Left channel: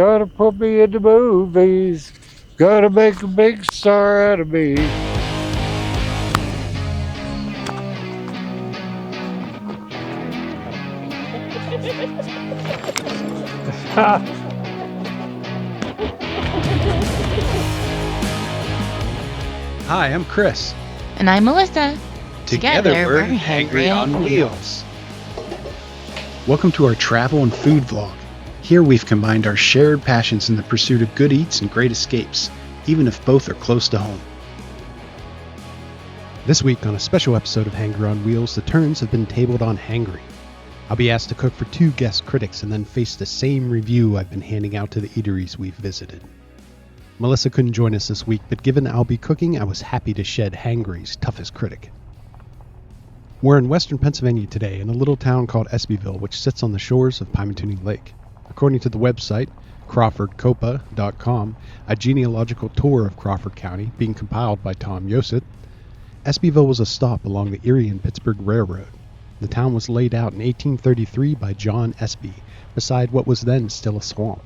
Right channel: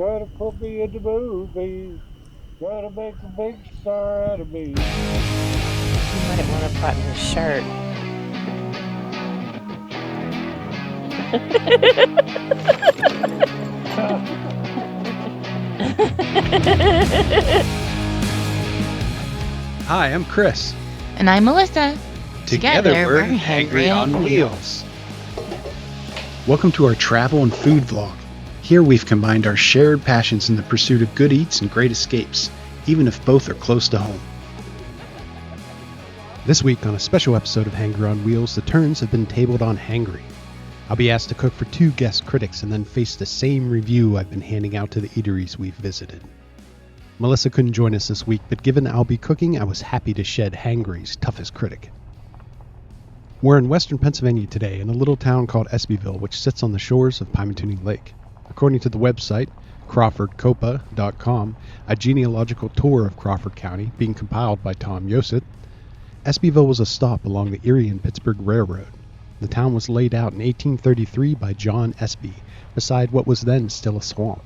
Gotta put me in the movies. Gotta make a big star out of me. I never bought me a shirt. Hi, I'm Chris. And I'm Melissa. Together we're Hangry On Wheels. Welcome to our travel and food vlog. Here we've combined our shared passions in the pursuit of good eats and great escapes, even if both are close to home. This week on a special episode of Hangry On Wheels, the turns have been tabled on Hangry. I'll be asked to cook for 2 guest critics and then face the same review I've been handing out to the eateries we've visited. Melissa couldn't join us this week, but given I'll be cooking, I was happy to shed Hangry's toughest critic. We're in western Pennsylvania today in a little town called Espyville, which sits on the shores of Pymatuning Lake. According to the website, crawfordcopa.com, a genealogical tour of Crawford County being compiled by Tom Yosit, Espyville was a stop along the Erie and Pittsburgh Railroad. The town was laid out in 1833 by John Espy, beside what was then still a swamp.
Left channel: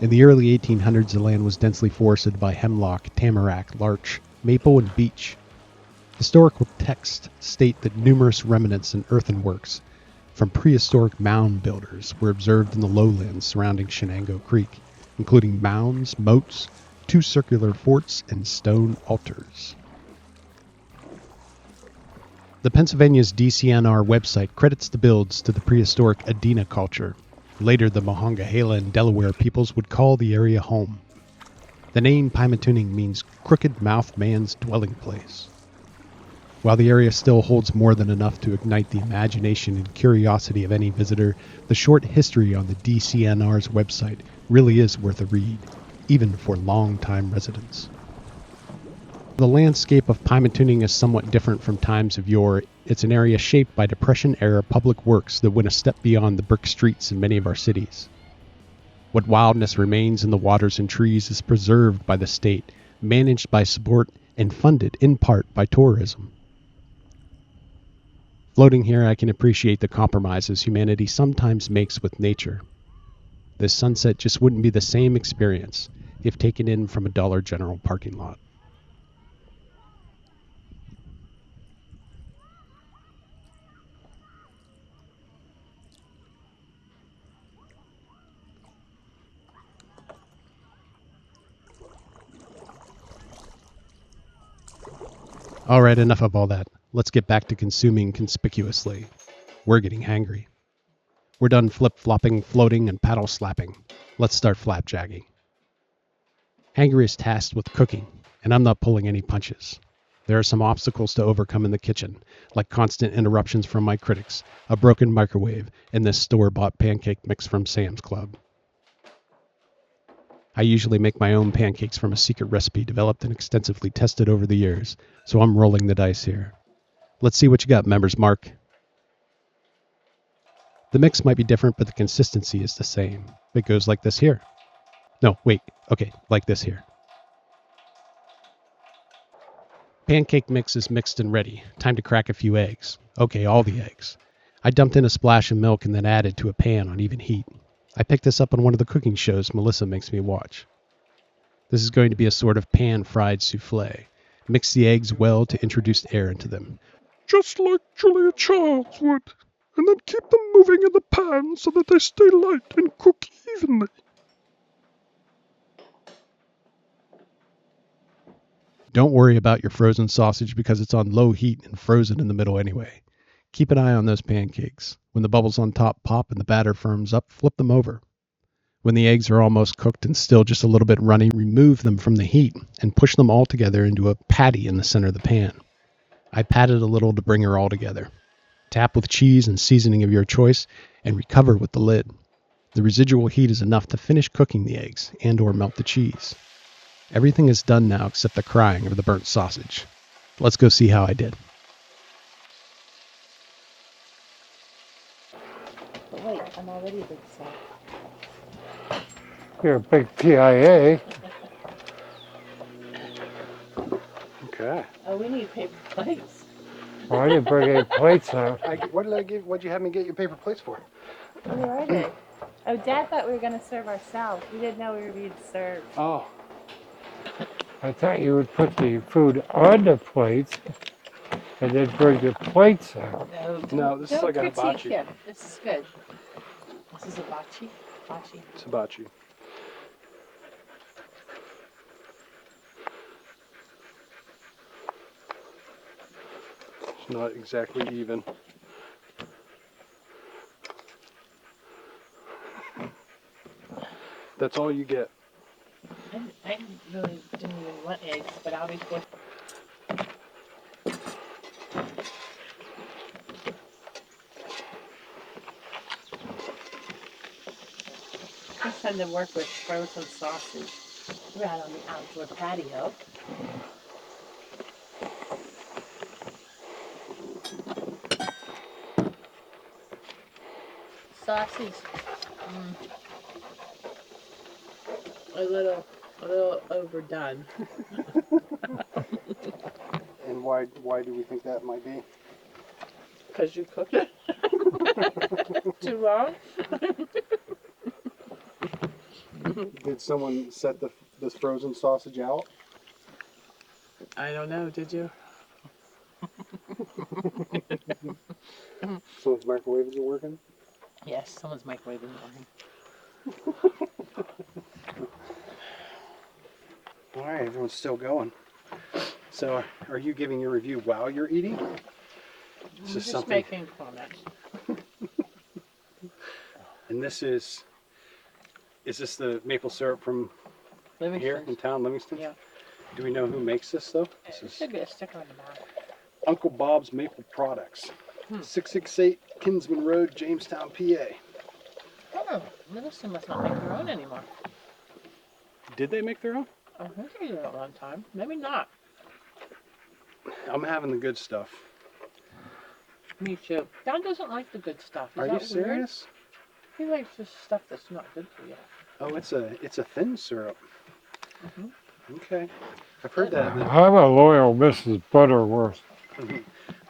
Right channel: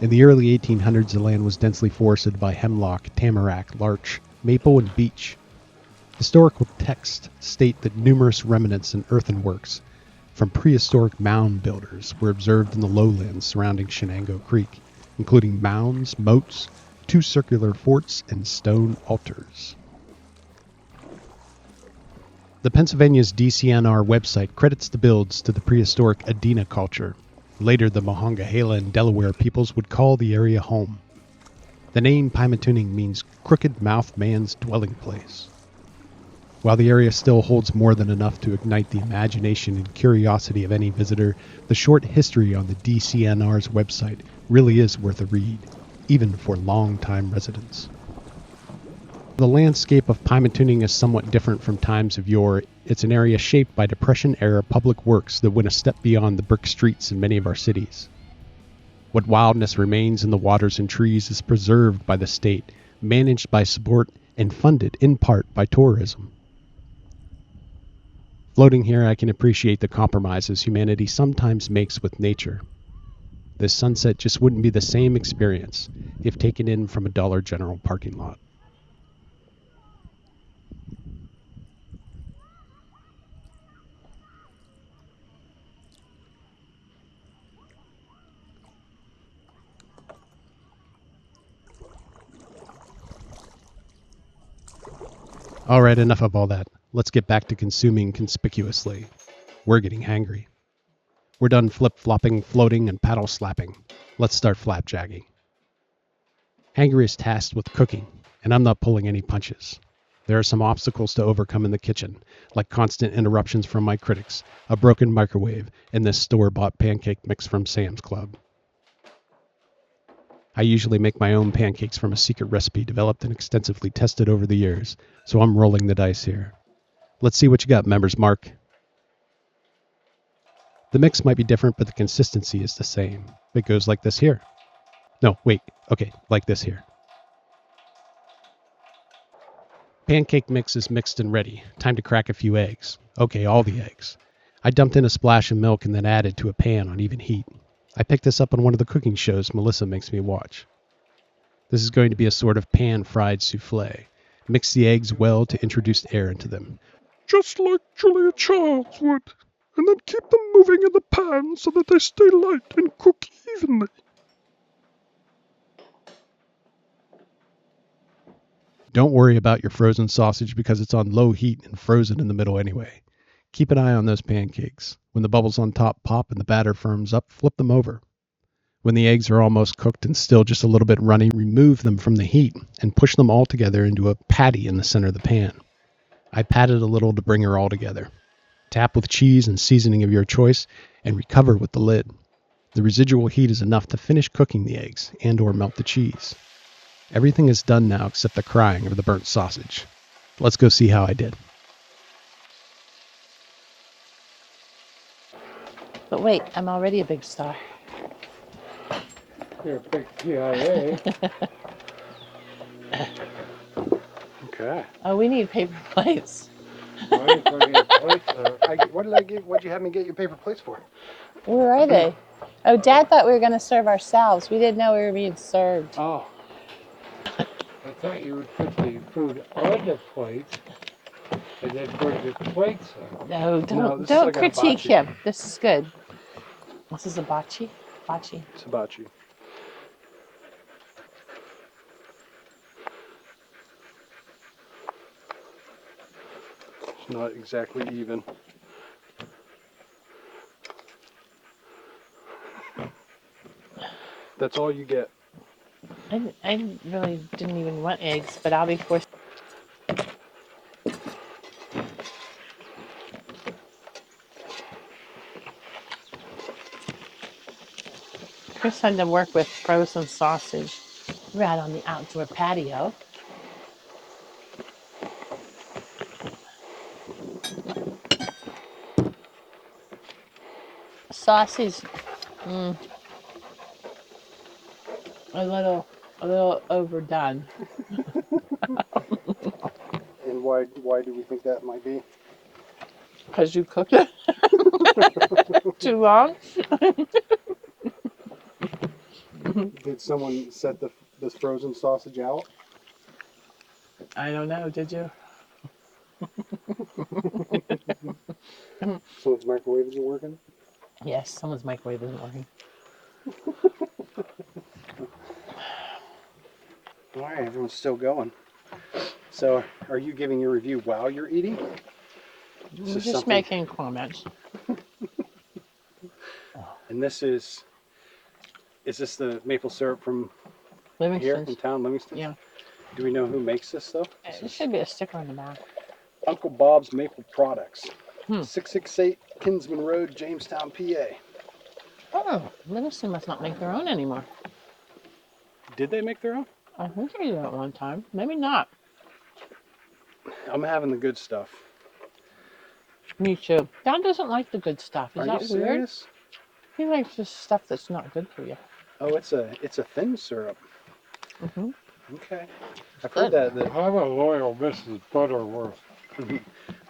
In the early 1800s, the land was densely forested by hemlock, tamarack, larch, maple, and beech. Historical texts state that numerous remnants and earthenworks from prehistoric mound builders were observed in the lowlands surrounding Shenango Creek, including mounds, moats, 2 circular forts, and stone altars. The Pennsylvania's DCNR website credits the builds to the prehistoric Adena culture. Later, the Monongahela and Delaware peoples would call the area home. The name Pymatuning means crooked mouth man's dwelling place. While the area still holds more than enough to ignite the imagination and curiosity of any visitor, the short history on the DCNR's website really is worth a read, even for long-time residents. The landscape of Pymatuning is somewhat different from times of yore. It's an area shaped by Depression-era public works that went a step beyond the brick streets in many of our cities. What wildness remains in the waters and trees is preserved by the state, managed by support, and funded in part by tourism. Floating here, I can appreciate the compromises humanity sometimes makes with nature. This sunset just wouldn't be the same experience if taken in from a Dollar General parking lot. Alright, enough of all that. Let's get back to consuming conspicuously. We're getting hangry. We're done flip-flopping, floating, and paddle-slapping. Let's start flapjacking. Hangry is tasked with cooking, and I'm not pulling any punches. There are some obstacles to overcome in the kitchen, like constant interruptions from my critics, a broken microwave, and this store-bought pancake mix from Sam's Club. I usually make my own pancakes from a secret recipe developed and extensively tested over the years, so I'm rolling the dice here. Let's see what you got, members mark. The mix might be different, but the consistency is the same. It goes like this here. No, wait, okay, like this here. Pancake mix is mixed and ready. Time to crack a few eggs. Okay, all the eggs. I dumped in a splash of milk and then added to a pan on even heat. I picked this up on one of the cooking shows Melissa makes me watch. This is going to be a sort of pan-fried souffle. Mix the eggs well to introduce air into them. Just like Julia Childs would. And then keep them moving in the pan so that they stay light and cook evenly. Don't worry about your frozen sausage because it's on low heat and frozen in the middle anyway. Keep an eye on those pancakes. When the bubbles on top pop and the batter firms up, flip them over. When the eggs are almost cooked and still just a little bit runny, remove them from the heat and push them all together into a patty in the center of the pan. I patted a little to bring her all together. Tap with cheese and seasoning of your choice and recover with the lid. The residual heat is enough to finish cooking the eggs and or melt the cheese. Everything is done now except the crying of the burnt sausage. Let's go see how I did. But wait, I'm already a big star. You're a big PIA. Okay. Oh, we need paper plates. Well, I didn't bring any plates now. What'd you have me get your paper plates for? Where are they? Oh, Dad thought we were going to serve ourselves. We didn't know we were being served. Oh. I thought you would put the food on the plates and then bring the plates out. No, this is don't like a critique hibachi. him. This is good. This is a bocce. Bocce. It's hibachi. It's not exactly even. That's all you get. I really didn't even want eggs, but I'll be forced. First time to work with frozen sausage right on the outdoor patio. Sausage, a little overdone. And why do we think that might be? Because you cooked it too long. Did someone set this frozen sausage out? I don't know. Did you? Someone's microwave isn't working? Yes, someone's microwave isn't working. All right, everyone's still going. So, are you giving your review while you're eating? I'm just making comments. And this is this the maple syrup from Livingston. here in town, Livingston? Yeah. Do we know who makes this though? There should be a sticker on the back. Uncle Bob's Maple Products. 668 Kinsman Rd, Jamestown, PA. Oh, Livingston must not make their own anymore. Did they make their own? I think they did at one time. Maybe not. I'm having the good stuff. Me too. Don doesn't like the good stuff. Is Are that you weird? serious? He likes just stuff that's not good for you. Oh, it's a thin syrup. Mm-hmm. Okay. I've heard that I'm a loyal Mrs. Butterworth.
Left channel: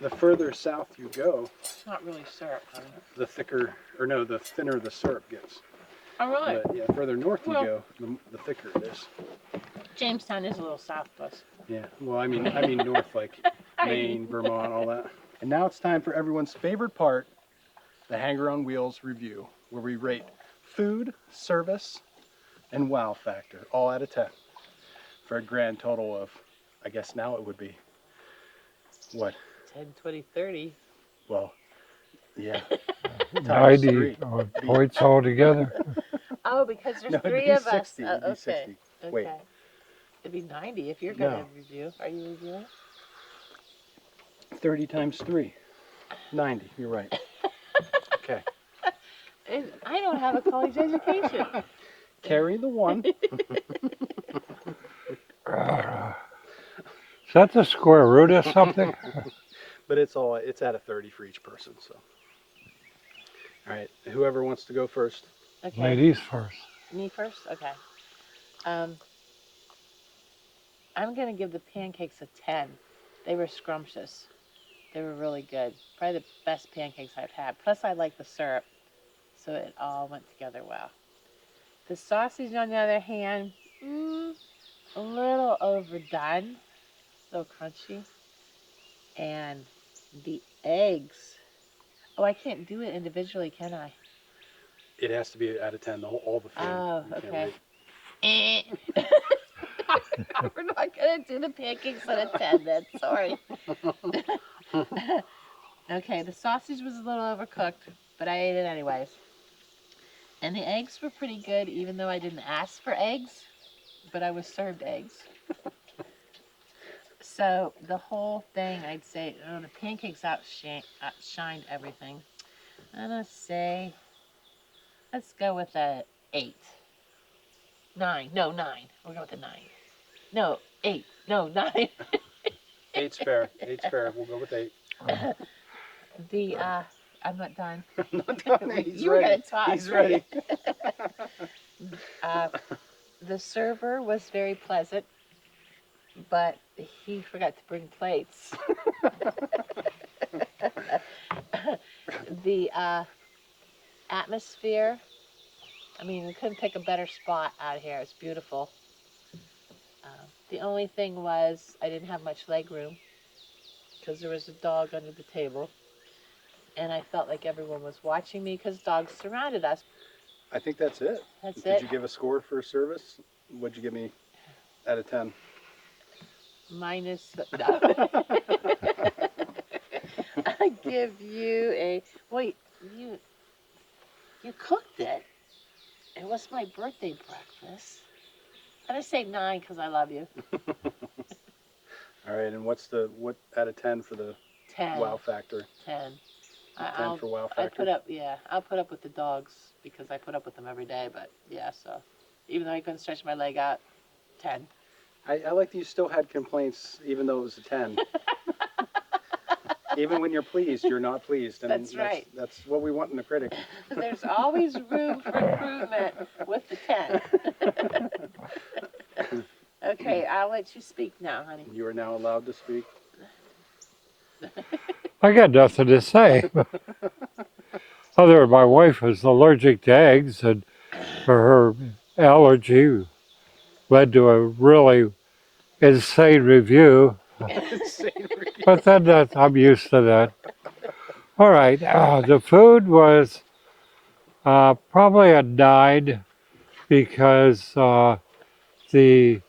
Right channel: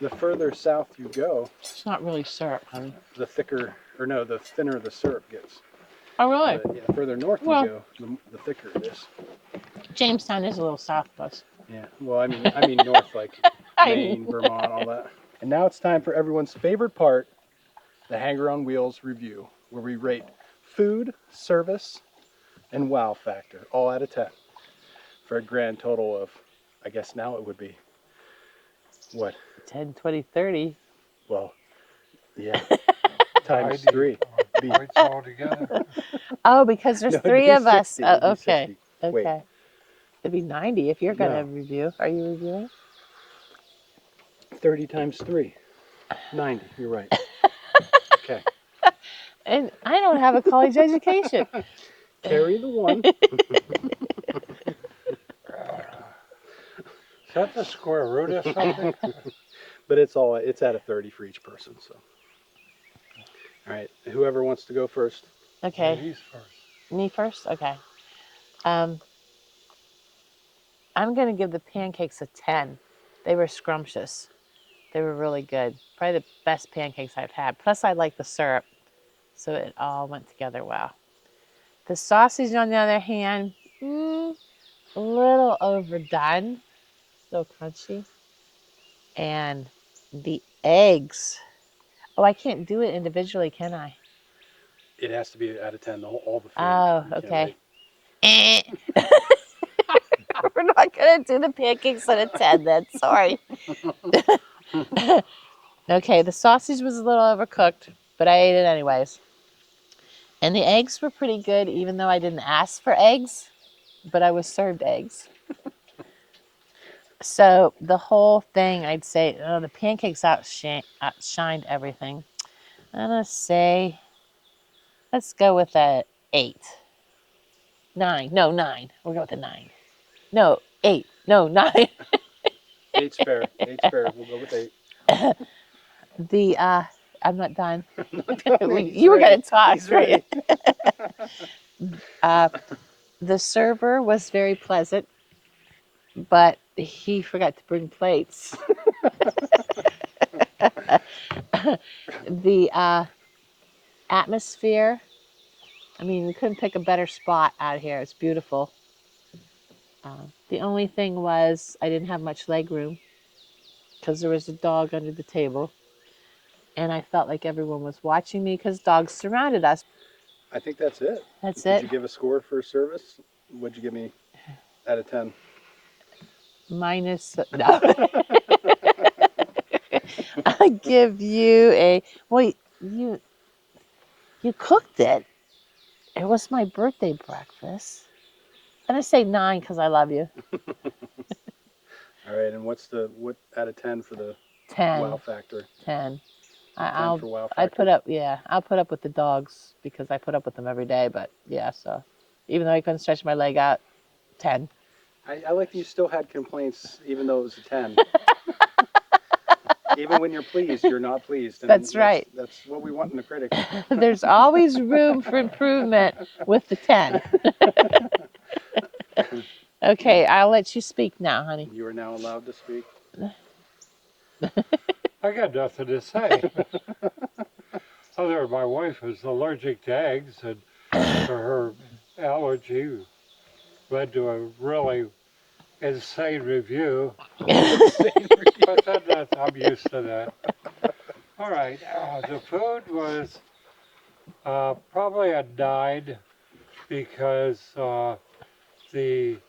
the further south you go, It's not really syrup, honey. the thinner the syrup gets. Oh, really? But yeah, further north you go, the thicker it is. Jamestown is a little south of us. Yeah. Well, I mean north, like Maine, Vermont, all that. And now it's time for everyone's favorite part, the Hangry On Wheels review, where we rate food, service, and wow factor, all out of 10, for a grand total of, I guess now it would be, what? 10, 20, 30. Well, yeah. Times 90 3. points altogether. Oh, because there's No, it'd 3 be of us. 60, it'd be Okay. 60. Okay. Wait. It'd be 90 if you're going to No. review. Are you reviewing? 30 times 3. 90, you're right. Okay. And I don't have a college education. Carry the 1. Is that the square root of something? But it's at a 30 for each person, so. All right, whoever wants to go first. Okay. Ladies first. Me first? Okay. I'm going to give the pancakes a 10. They were scrumptious. They were really good. Probably the best pancakes I've had. Plus, I like the syrup, so it all went together well. The sausage, on the other hand, a little overdone. Still crunchy. And the eggs. Oh, I can't do it individually, can I? It has to be out of 10, all the food. Oh, You can't okay. rate. We're not going to do the pancakes at a 10 then. Sorry. Okay, the sausage was a little overcooked, but I ate it anyways. And the eggs were pretty good, even though I didn't ask for eggs, but I was served eggs. So the whole thing, I'd say, the pancakes outshined everything. I'm going to say, let's go with a 8. 9. No, 9. We'll go with a 9. No, 8. No, 9. 8's fair. 8's fair. We'll go with 8. I'm not done. He's You were ready. going to talk. He's ready. The server was very pleasant, but he forgot to bring plates. atmosphere. I mean, we couldn't pick a better spot out here. It's beautiful. The only thing was I didn't have much leg room because there was a dog under the table. And I felt like everyone was watching me because dogs surrounded us. I think that's it. That's Did it. you give a score for service? What'd you give me out of 10? Minus, no. I give you a, wait, you cooked it. It was my birthday breakfast. I'm going to say 9 because I love you. All right, and what out of 10 for the 10. wow factor? 10. 10 for wow factor? I'll put up with the dogs because I put up with them every day, but yeah, so even though I couldn't stretch my leg out, 10. I like that you still had complaints even though it was a 10. Even when you're pleased, you're not pleased. And That's right. That's what we want in the critic. There's always room for improvement with the 10. Okay, I'll let you speak now, honey. You are now allowed to speak. I got nothing to say. Other than my wife is allergic to eggs, and her allergy led to a really insane review. But then I'm used to that. All right, the food was probably a 9 because the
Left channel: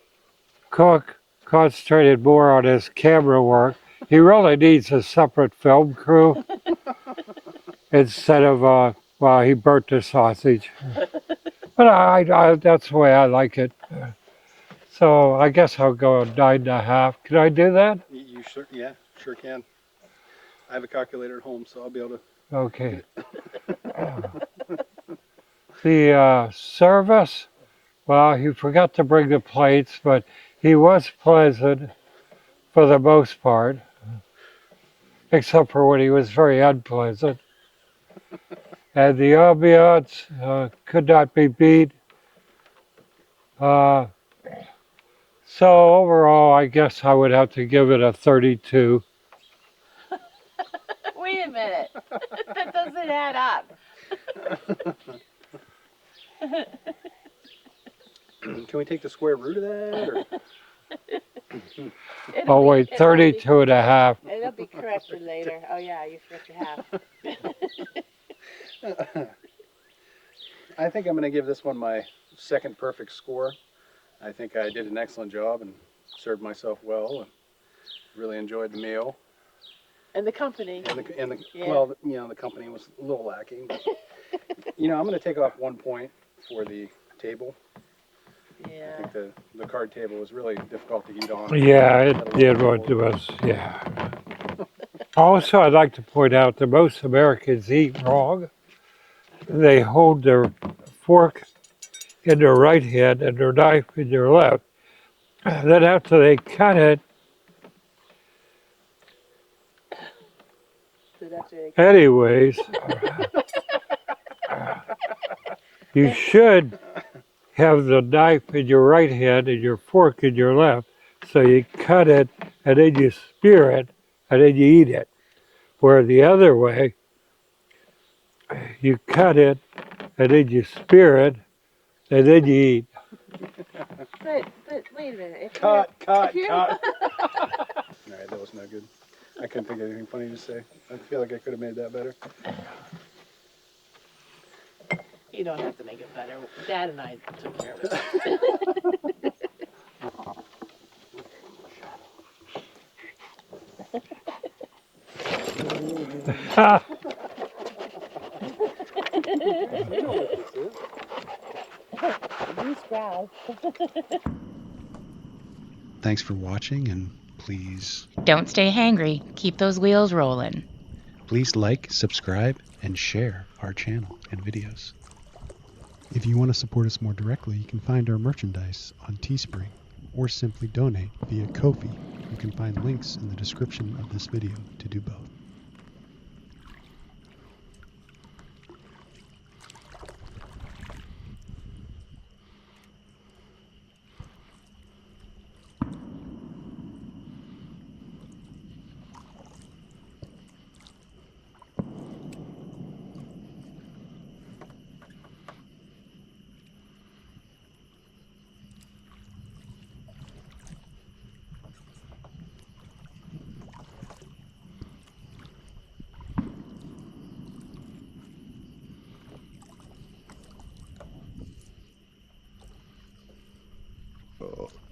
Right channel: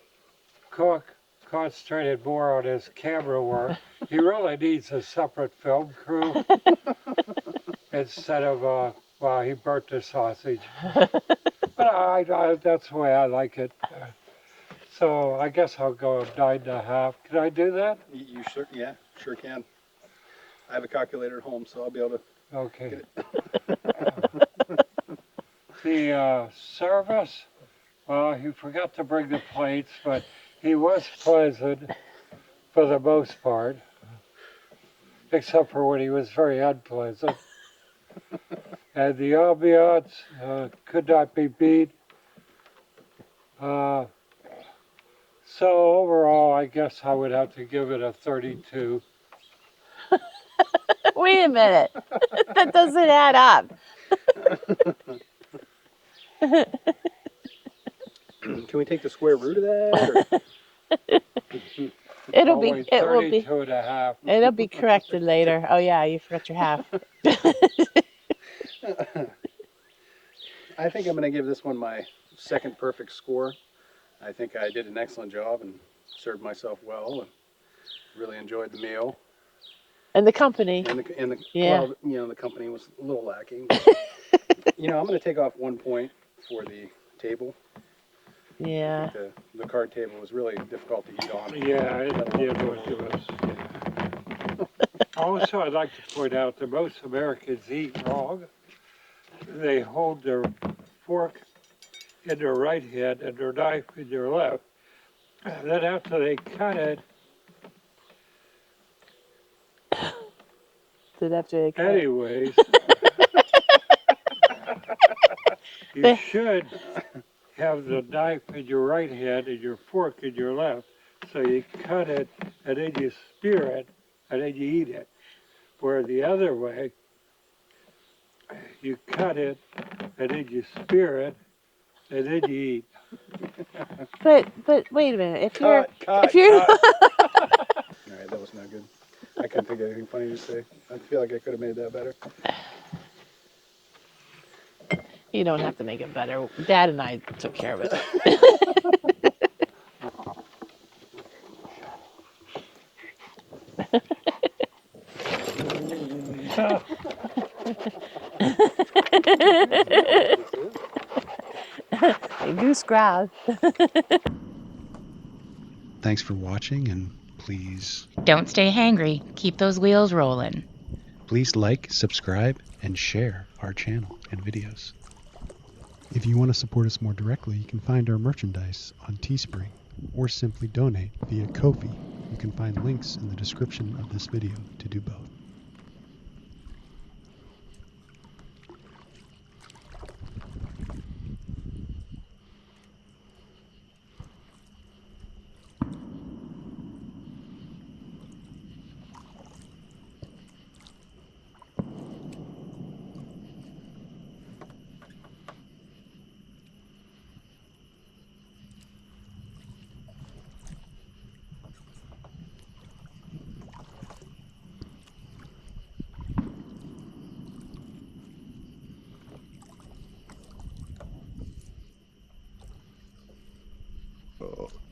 cook concentrated more on his camera work. He really needs a separate film crew instead of, well, he burnt the sausage. But I that's the way I like it. So I guess I'll go 9.5. Can I do that? You sure? Yeah, sure can. I have a calculator at home, so I'll be able to. Okay. The service, well, he forgot to bring the plates, but he was pleasant for the most part, except for when he was very unpleasant. And the ambiance could not be beat. So overall, I guess I would have to give it a 32. Wait a minute. That doesn't add up. Can we take the square root of that? It'll be, wait, 32 and a half. It'll be corrected later. Oh yeah, you forgot your half. I think I'm going to give this one my second perfect score. I think I did an excellent job and served myself well and really enjoyed the meal. And the company. Yeah. Well, you know, the company was a little lacking. You know, I'm going to take off 1 point for the table. Yeah. I think the card table was really difficult to eat on. Yeah, it did what it was, yeah. Also, I'd like to point out that most Americans eat wrong. They hold their fork in their right hand and their knife in their left. Then after they cut it, anyways, you should have the knife in your right hand and your fork in your left. So you cut it and then you spear it and then you eat it. Where the other way, you cut it and then you spear it and then you eat. But wait a minute. If Cut. All right, that was not good. I couldn't think of anything funny to say. I feel like I could have made that better. You don't have to make it better. Dad and I took care of it. Goose grab. Thanks for watching, and please Don't stay hangry. Keep those wheels rolling. please like, subscribe, and share our channel and videos. If you want to support us more directly, you can find our merchandise on Teespring or simply donate via Ko-fi. You can find links in the description of this video to do both. Oh.